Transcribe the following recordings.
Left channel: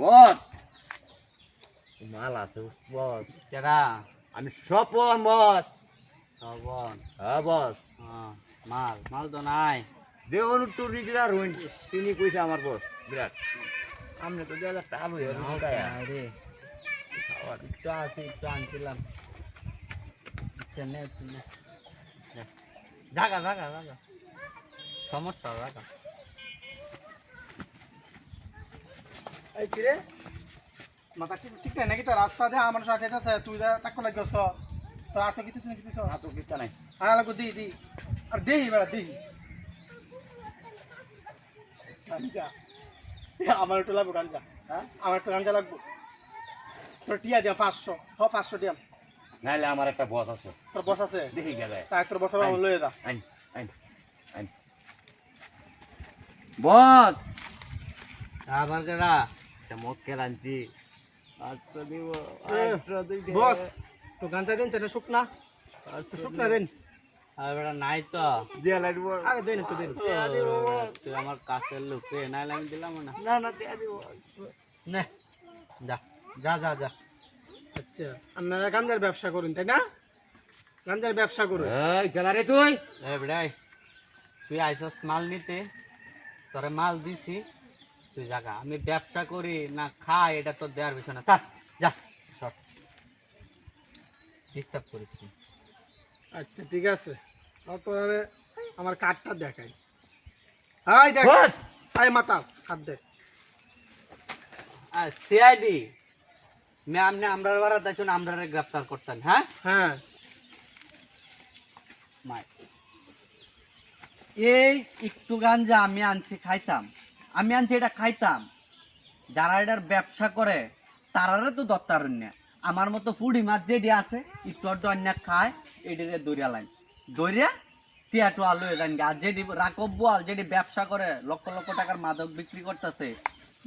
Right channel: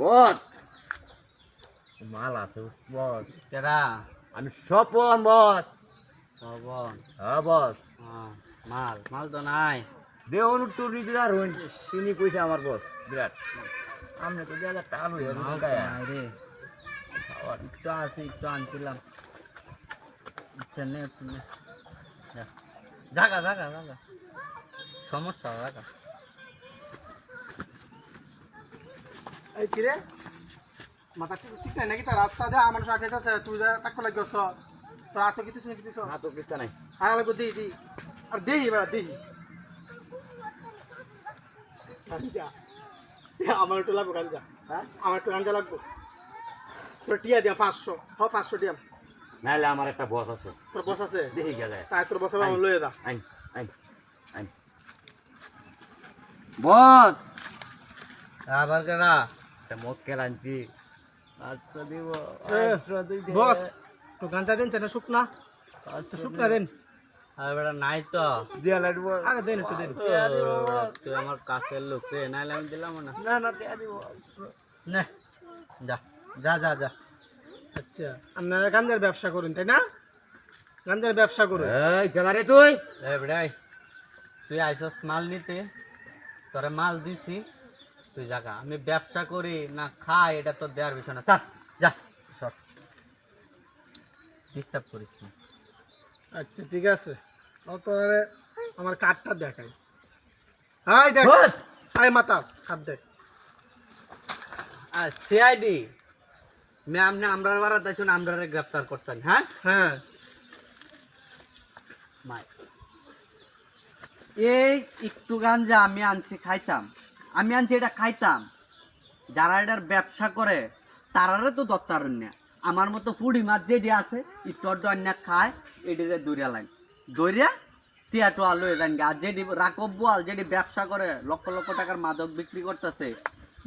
বস মাল আছে বস। কেডা? আমি স্বপন বস। শ্রবণ। হ্যাঁ বস। মাল মাল তো নাই। দেওয়ান টুর রিজার হইন তিনি কইছে আমার বস বিরাট। আমনে তো 2000 টাকা লইয়া ঢুকায়া রে একটু আসি একটু আনছিলাম। চলে তুমি জাগা জাগা জাগা সমস্যা জাগা। এই কি রে মাথা ঠিক নাই নাকি? তার রাস্তা দে আমার সাথে আছে, তুই যা তাকো লাগছস তোর হাতে কিছু না কিছু না তো কিস্তা নাই। আর লাগো দি দি আর দেই বা দেই যা আমার একটু লাগবো গান যা। হ্যাঁ আমার একটু গাঞ্জা লাগবো। তোর টিয়া দিয়া 500 হ 500 দিয়াম। নাইলে আমার একটা বস আছে তোর বস আছে দেখি গেলে তাই তোর বস আমার লয়ে যা। আইন আইন আইন বস। আবার কেডা? মক্কেল আনছি 800 দিব। এ, 800 দিই দে। বস তো গাঞ্জা দেন চেনা শুকনা তো শুকনা দেন। আর বেটা নাই তো। দিয়া লাগব। আরে দেন একটু দেন। দিয়া দিব বস। তুই আমার কাছের লোক রে, নাইলে আমি দিলাম না। না না দিয়া দিব। নে যা যা যা যা। আচ্ছা আপনারা গাঞ্জার ব্যবসা করেন তাই না? গাঞ্জার ব্যবসা করুন। এই কেদারে তুই এ বেড়াই তুই আইসস মাল নিতে, তোরে মাল দিছি, তুই জাগা। আমি ব্যবসা করি না খাই এটা তোর দেওয়ার বিষয় না। চাল যা সর, ডিস্টার্ব করিস না। আচ্ছা ঠিক আছে তোরে আমার কার্ডটা দেখাই। হাই দেখ বস। হাই মাতা কার্ড দেখ। আর সিআইডি ম্যাম নে আমরা বারা দাইছো না, আমরা গ্রেফতার করতেন। হ্যাঁ হ্যাঁ মাই এই একটু গাঞ্জা আমি আনছি খাইতাম, আমি আনছি এটা খাইতাম। যারা এটার ব্যবসা করে তারারে তো দত্তার না। আমার মতো ফুডি মাছ যেটি আছে একটু আড্ডু আন্যা খায়, এটিরে দৌড়িয়া লাগে দৌড়িয়া টিয়াটু আলু এদান। আর যেটি রাকব বোয়াল যেটি ব্যবসা করে লক্ষ লক্ষ টাকার মাদক বিক্রি করতেছে,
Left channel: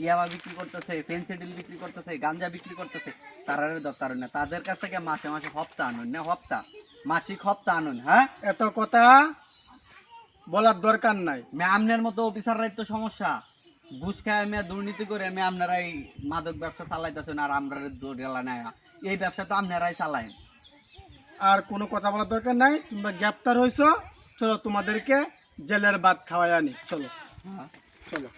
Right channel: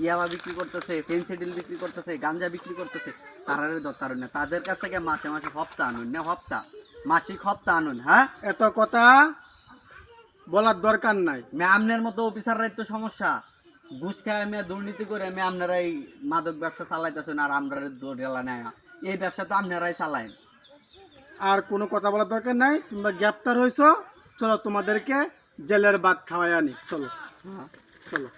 ইয়াবা বিক্রি করতেছে, ফেন্সিডিল বিক্রি করতেছে, গাঞ্জা বিক্রি করতেছে, তারারে দরকার না। তাদের কাছ থেকে মাসে মাসে হপ্তা আনুন না, হপ্তা মাসিক হপ্তা আনুন। হ্যাঁ এত কথা বলার দরকার নাই। ম্যামনের মতো অফিসাররাই তো সমস্যা। ঘুষ খায় আমি দুর্নীতি করে আমি আপনারাই মাদক ব্যবসা চালাইতেছেন আর আমরা দৌড়ালা নেয়। এই ব্যবসা তো আপনারাই চালায়। আর কোনো কথা বলার দরকার নাই। তোমরা গ্রেপ্তার হইছো, চলো তোমাদেরকে জেলের ভাত খাওয়াই আনি। চলো হ্যাঁ চলো।